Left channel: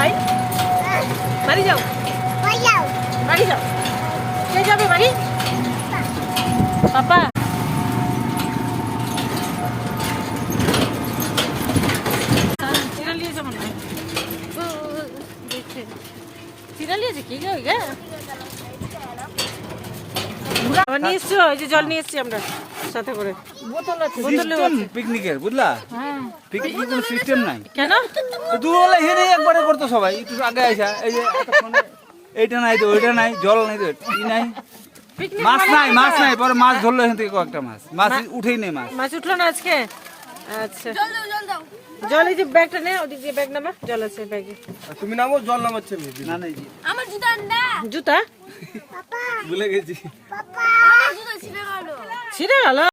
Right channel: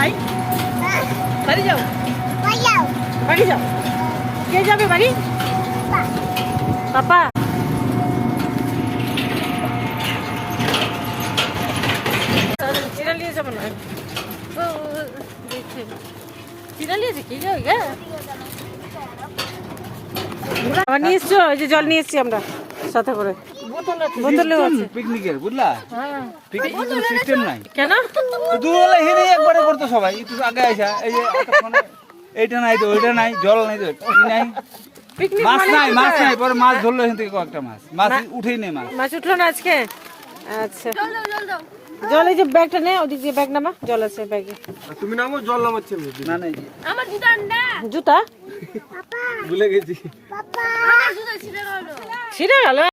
কোথায়? বাড়ি যাও, বাড়ি যাও। কে যাবে বাড়ি? পাপা। চিরা লিয়েছে মনে হয়। চিরা লিয়েছে কি যাবে গা? আবার নিয়ে এসছো? ওই যে জল নিয়ে এসছি আমরা সাথে করে। বোতলে আছে পিকনিকের, বুঝলা? হ্যাঁ। পিকনিকের কোনো সিস্টেম নাই। কেন? দুবেলা হেরে একবারে করতো সবাই, একটু আগে আসা। এই যে এতক্ষণে এইটা নাই তো ওইটা নাই, জল নাই তো ই নাই, পিকনিক মাছ মানে নাই, কি মাছ হয়? নাই। পরে মাছ ধরলো এখান থেকে কয়েকটা মাছ, মাছ উঠেই নেই মাছ। মাছ উঠলো না আজকে? আচ্ছা, জল এই যে ব্যাগটা নে, ওদিকে যে ব্যাগ নামা, জল আছে ব্যাগে। তুমি নামো, জল নামাচ্ছে না। নাই জুতা ভুলে গেছি। ছিঁড়ে গেল।